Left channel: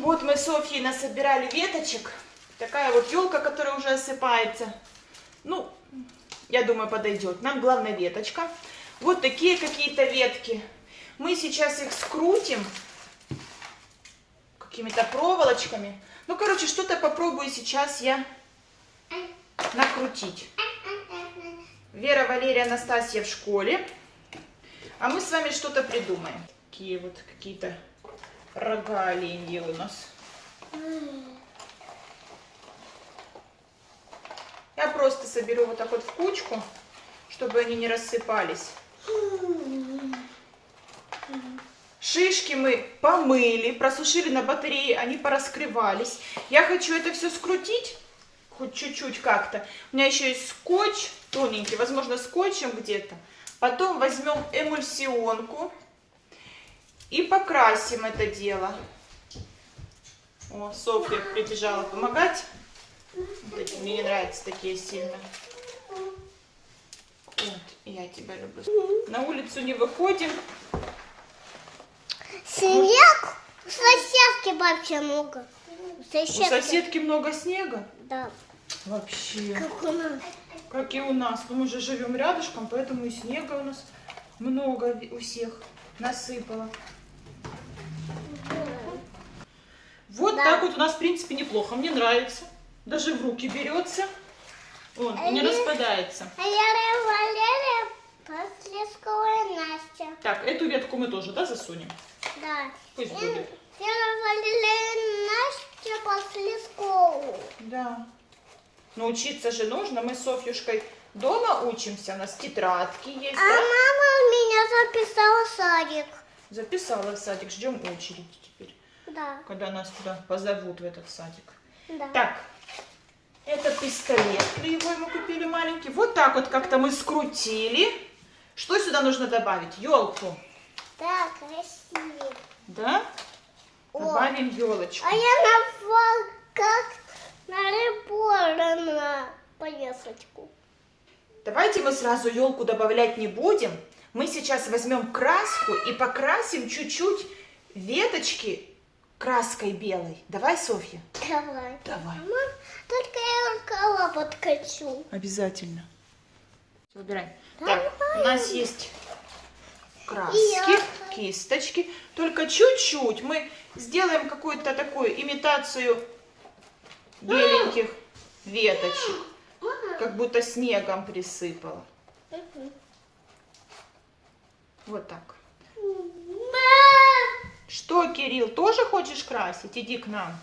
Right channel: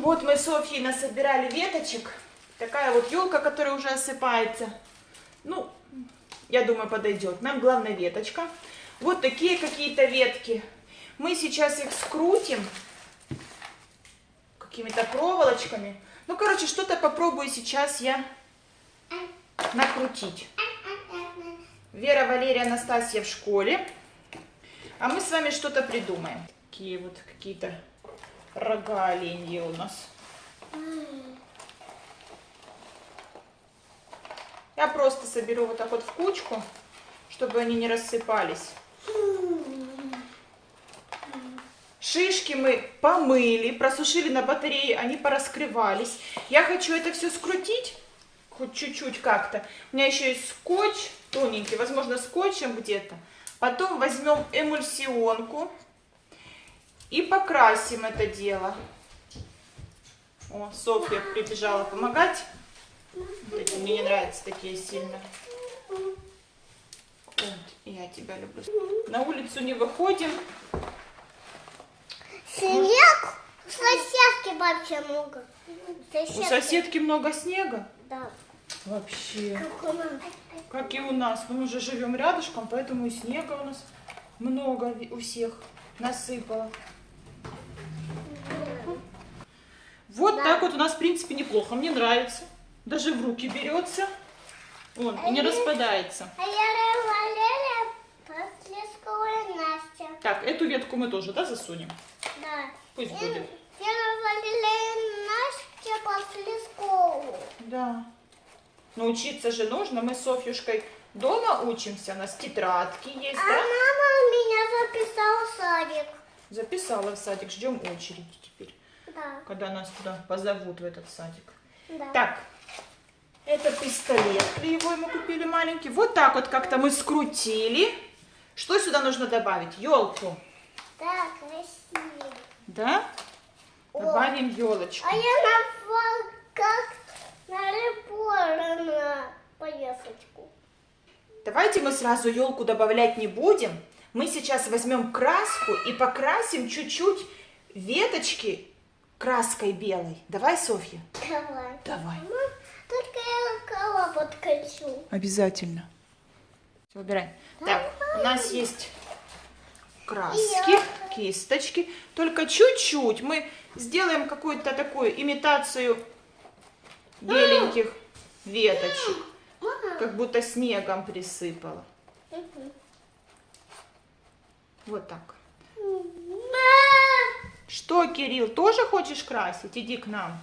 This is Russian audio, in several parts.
Вот мы с Софьей насобирали веточек. Такая вот елка, которая уже осыпается. Ну, я думаю, подойдет. Нам главное веточка. Вот такие какие-то ветки. Мы сейчас их скрутим какими-то проволочками. Ну, короче, что-то попробую сейчас я накрутить. Вера, Валерия, Анастасия в школе. А мы с вами что-то придумаем. Такие вот какие-то рога оленьи у нас. Я просто соберу вот так вот в кучку, чтобы они не рассыпались. Шишки мы помыли, просушили на батарее, они пораскрывались. Я хочу это все скрутить, хоть чуть-чуть как-то. У меня еще есть скотч тоненький, возможно, скотчем где-то. Потом возьмем эмульсионку и покрасим это дело. О, Софья прибежала помогать. Вот эти мне не нравятся такие сильно. Вот, я тебя люблю. На улицу не выходим. Снег? У соседки вообще много. У соседки много снега? Да. Вообще. Как у нас. Как и у нас. Но мы же живем рядышком, поэтому и снега у нас много у всех насыпало. Вот Да. так вот у нас, в принципе, неплохо. Мне нравится. Даже в руки берется. Он и не распадается. А я Валерия, Послескова Настя. Так, эту ветку мы тоже, да, засунем? Да. Пусть будет. Я Валерия Настя Послескову. Да. Но учиться же нужно. Мы с Софьюшкой дома учимся. У нас тетрадки есть, А да? мама меня записала в садик. Записала в садик. Ждем очереди теперь, Да. когда нас туда позовут, в этот садик. Да. Так, это пистолет. Его мы купили маленький. Вот так вот как-то мы скрутили. Что сюда нужно добавить? Елку. Да, красиво. Да? О. Добавим елочку. А я назвал как на повесочку. Давайте мы сразу елку добавлять не будем. Мы сейчас возьмем краску и покрасим чуть-чуть веточки краской белой. Давай, Софья? Давай. Давай. Мам, только я рукава подкачу. Обязательно. Все, убираем. Давай. Так, у нас есть краски, кисточки. Только чуть-чуть мы сделаем какую-то такую имитацию беленьких веточек. Как будто снегом присыпала. Вот так. Что, Кирилл, тоже хочешь красить? Иди к нам.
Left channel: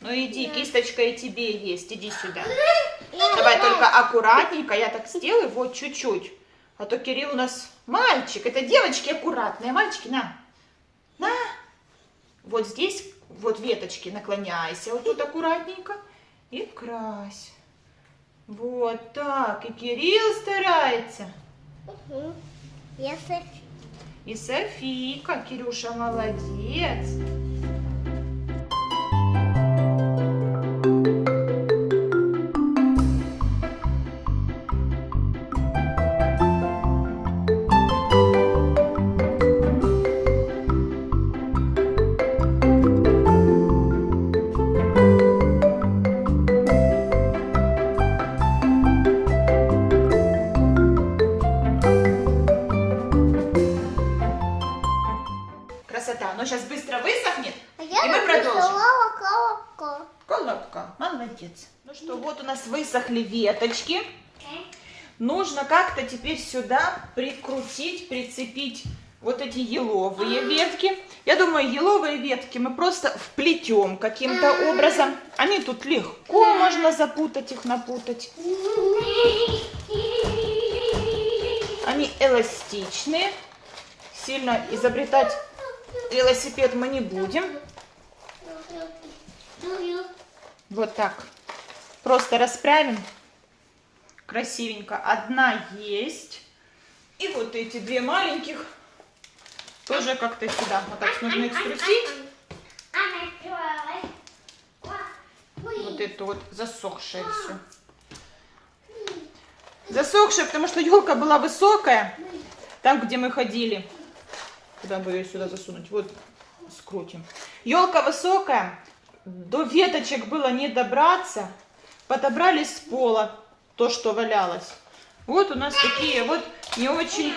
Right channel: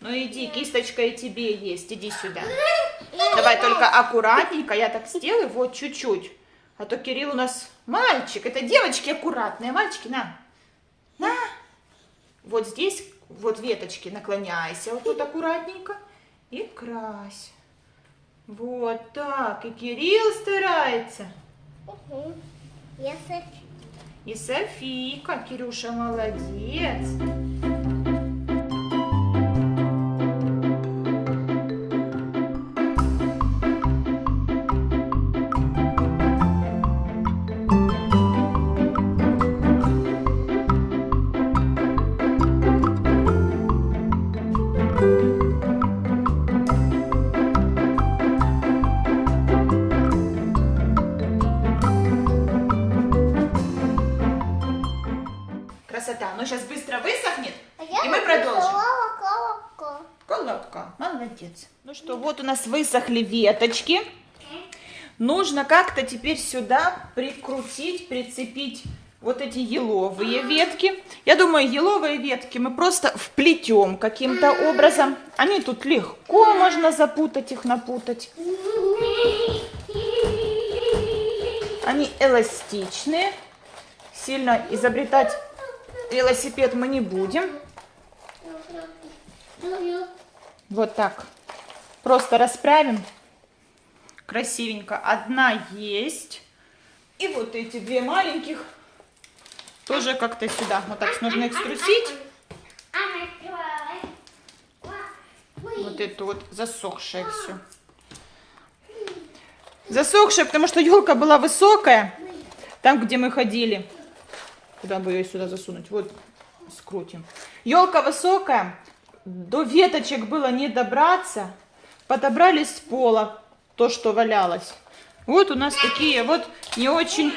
Ну иди, кисточка и тебе есть. Иди сюда. Давай только аккуратненько. Я так сделаю, вот чуть-чуть. А то Кирилл у нас мальчик. Это девочки аккуратные. Мальчики, на. На. Вот здесь, вот веточки наклоняйся. Вот тут аккуратненько. И крась. Вот так. И Кирилл старается. Если И Софийка. Кирюша молодец. Красота. Оно сейчас быстро высохнет, и мы продолжим. Колобка, молодец. Ну что, вот у нас высохли веточки. Нужно как-то теперь сюда прикрутить, прицепить вот эти еловые ветки. Я думаю, еловые ветки мы просто вплетем каким-то образом. Они тут легко, можно запутать их, напутать. Они эластичные. Сильно изобретать велосипед мы не будем. Вот так. Просто расправим. Красивенько. Одна есть. И вот эти две маленьких тоже как-то сюда. Вот так нужно их струсить. Вот это вот засохшее все. Засохшее, потому что елка была высокая. Там, где мы ходили. Куда бы ее сюда засунуть? Вот скрутим. Елка высокая, до веточек было не добраться. Подобрали с пола то, что валялось. Вот у нас такие вот не очень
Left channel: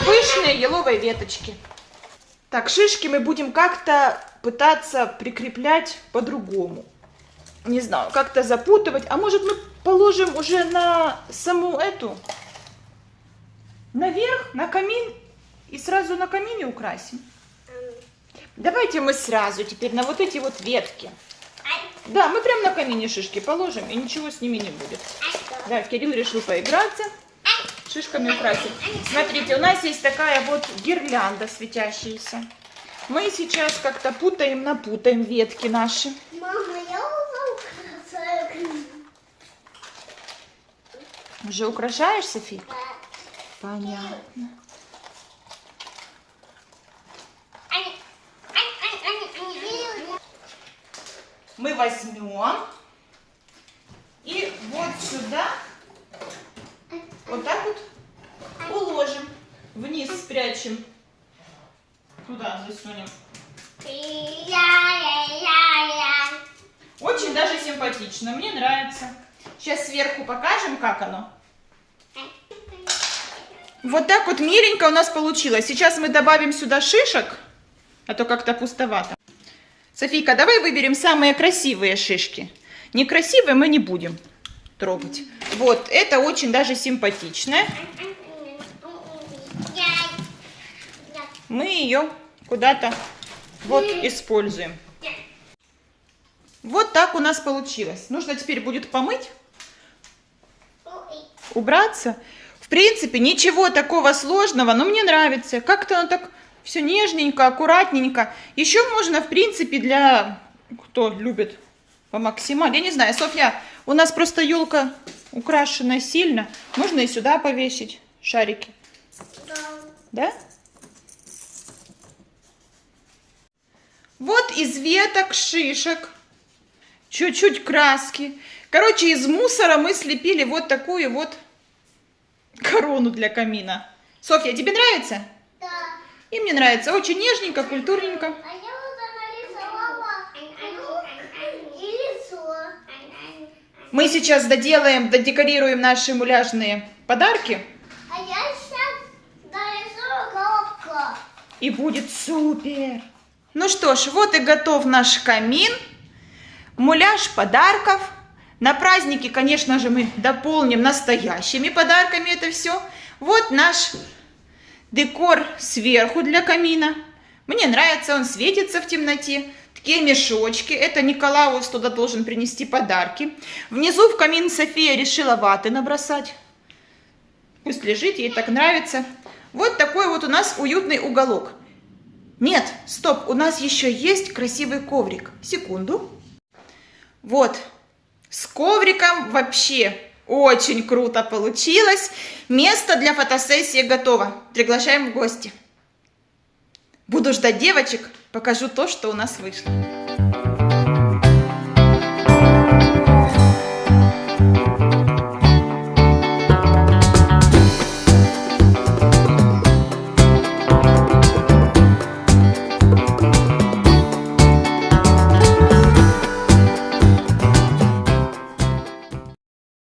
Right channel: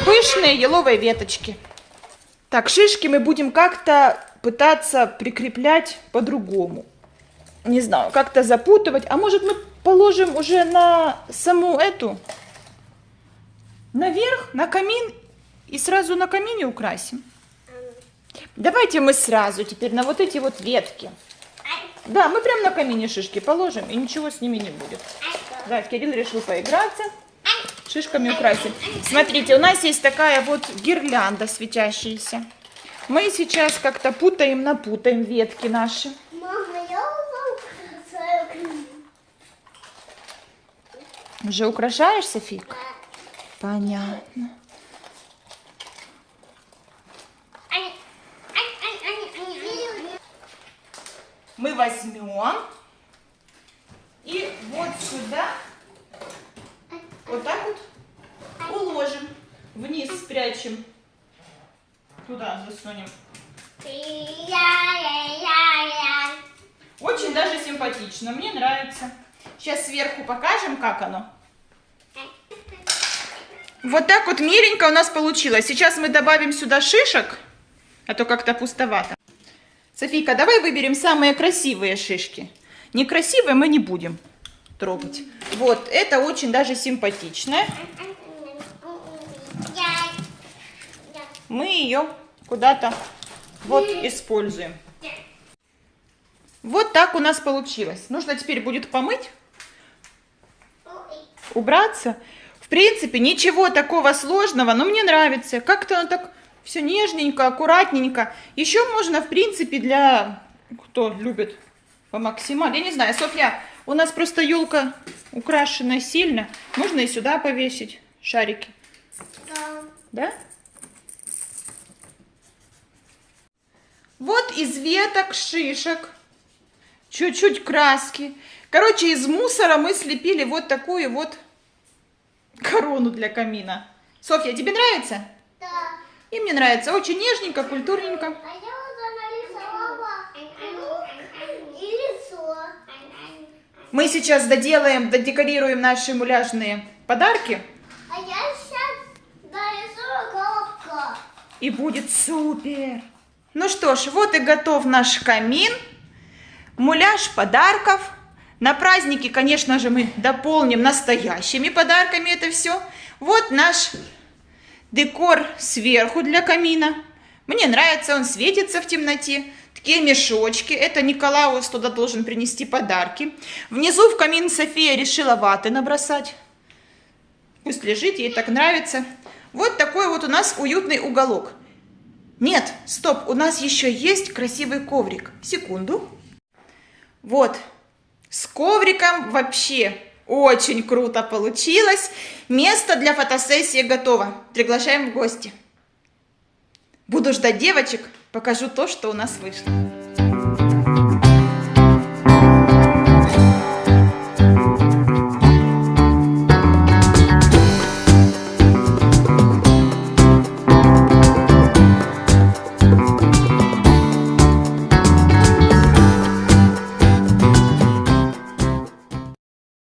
пышные еловые веточки. Так, шишки мы будем как-то пытаться прикреплять по-другому. Не знаю, как-то запутывать. А может мы положим уже на саму эту, наверх, на камин, и сразу на камине украсим? Давайте мы сразу теперь на вот эти вот ветки. Да, мы прям на камине шишки положим, и ничего с ними не будет. Да, Кирилл решил поиграться, шишками украсить. Смотрите, у нас есть такая вот гирлянда светящаяся. Мы сейчас как-то напутаем ветки наши. Мама, я украшаю. Уже украшаешь, Софи? Понятно. Мы возьмем и вот сюда вот так вот уложим. Вниз спрячем. Туда засунем. Очень даже симпатично. Мне нравится. Сейчас сверху покажем, как оно. Вот так вот миленько у нас получилось. Сейчас мы добавим сюда шишек, а то как-то пустовато. Софийка, давай выберем самые красивые шишки. Некрасивые мы не будем трогать. Вот, это очень даже симпатичное. Мы ее куда-то вот используем. Вот так у нас получилось. Нужно теперь будет помыть, убраться. В принципе, ничего такого сложного, но мне нравится. Как-то оно так все нежненько, аккуратненько. Еще можно, в принципе, для кто любит по максималу. Я не знаю, Софья, у нас просто елка украшена сильно. Можно и сюда повесить шарики. Да? Вот из веток, шишек, чуть-чуть краски. Короче, из мусора мы слепили вот такую вот корону для камина. Софья, тебе нравится? Да. И мне нравится. Очень нежненько, культурненько. А я уже нарисовала и лицо. Мы сейчас додекорируем наши муляжные подарки. А я сейчас нарисую коробку. И будет супер. Ну что ж, вот и готов наш камин. Муляж подарков. На праздники, конечно же, мы дополним настоящими подарками это все. Вот наш декор сверху для камина. Мне нравится, он светится в темноте. Такие мешочки. Это Николаус туда должен принести подарки. Внизу в камин София решила ваты набросать. Пусть лежит, ей так нравится. Вот такой вот у нас уютный уголок. Нет, стоп, у нас еще есть красивый коврик. Секунду. Вот, с ковриком вообще очень круто получилось. Место для фотосессии готово. Приглашаем в гости. Буду ждать девочек, покажу то, что у нас вышло.